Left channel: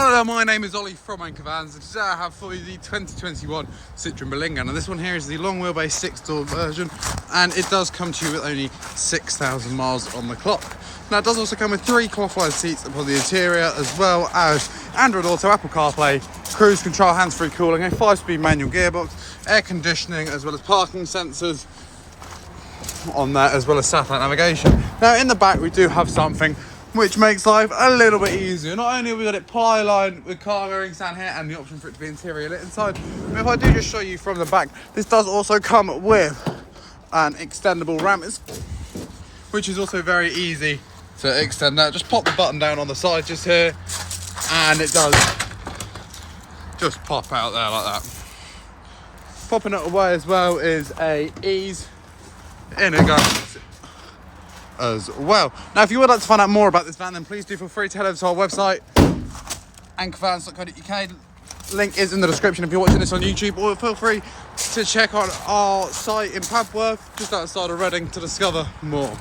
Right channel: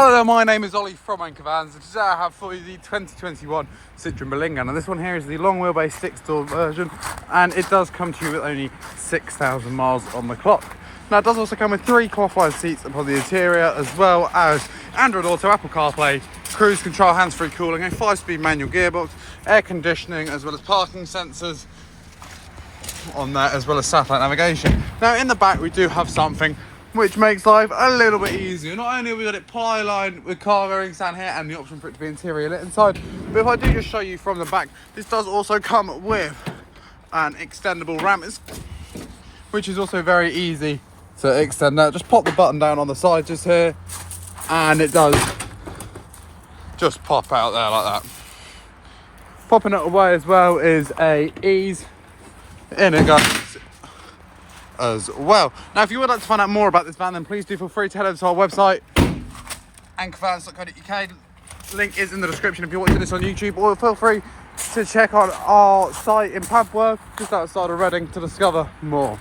Hello there, my name is Ollie from Anchor Vans, and today I have for you the 2021 Citroen Berlingo. Now this one here is the long wheelbase 6-door version, and it does come to you with only 6,000 miles on the clock. Now it does also come with 3 cloth-lined seats upon the interior, as well as Android Auto, Apple CarPlay, cruise control, hands-free cooling, a 5-speed manual gearbox, air conditioning, as well as parking sensors on there, as well as satellite navigation. Now in the back we do have something which makes life a little bit easier. Not only have we got it ply lined with cargo rings down here and the option for it to be interior lit inside, but if I do just show you from the back, this does also come with an extendable ramp, which is also very easy to extend that. Just pop the button down on the side just here, and it does just pop out there like that. Popping it away as well is a ease in it goes as well. Now if you would like to find out more about this van, then please do feel free to head over to our website, anchorvans.co.uk. Link is in the description if you're watching this on YouTube, or feel free to check out our site in Padworth, just outside of Reading, to discover more.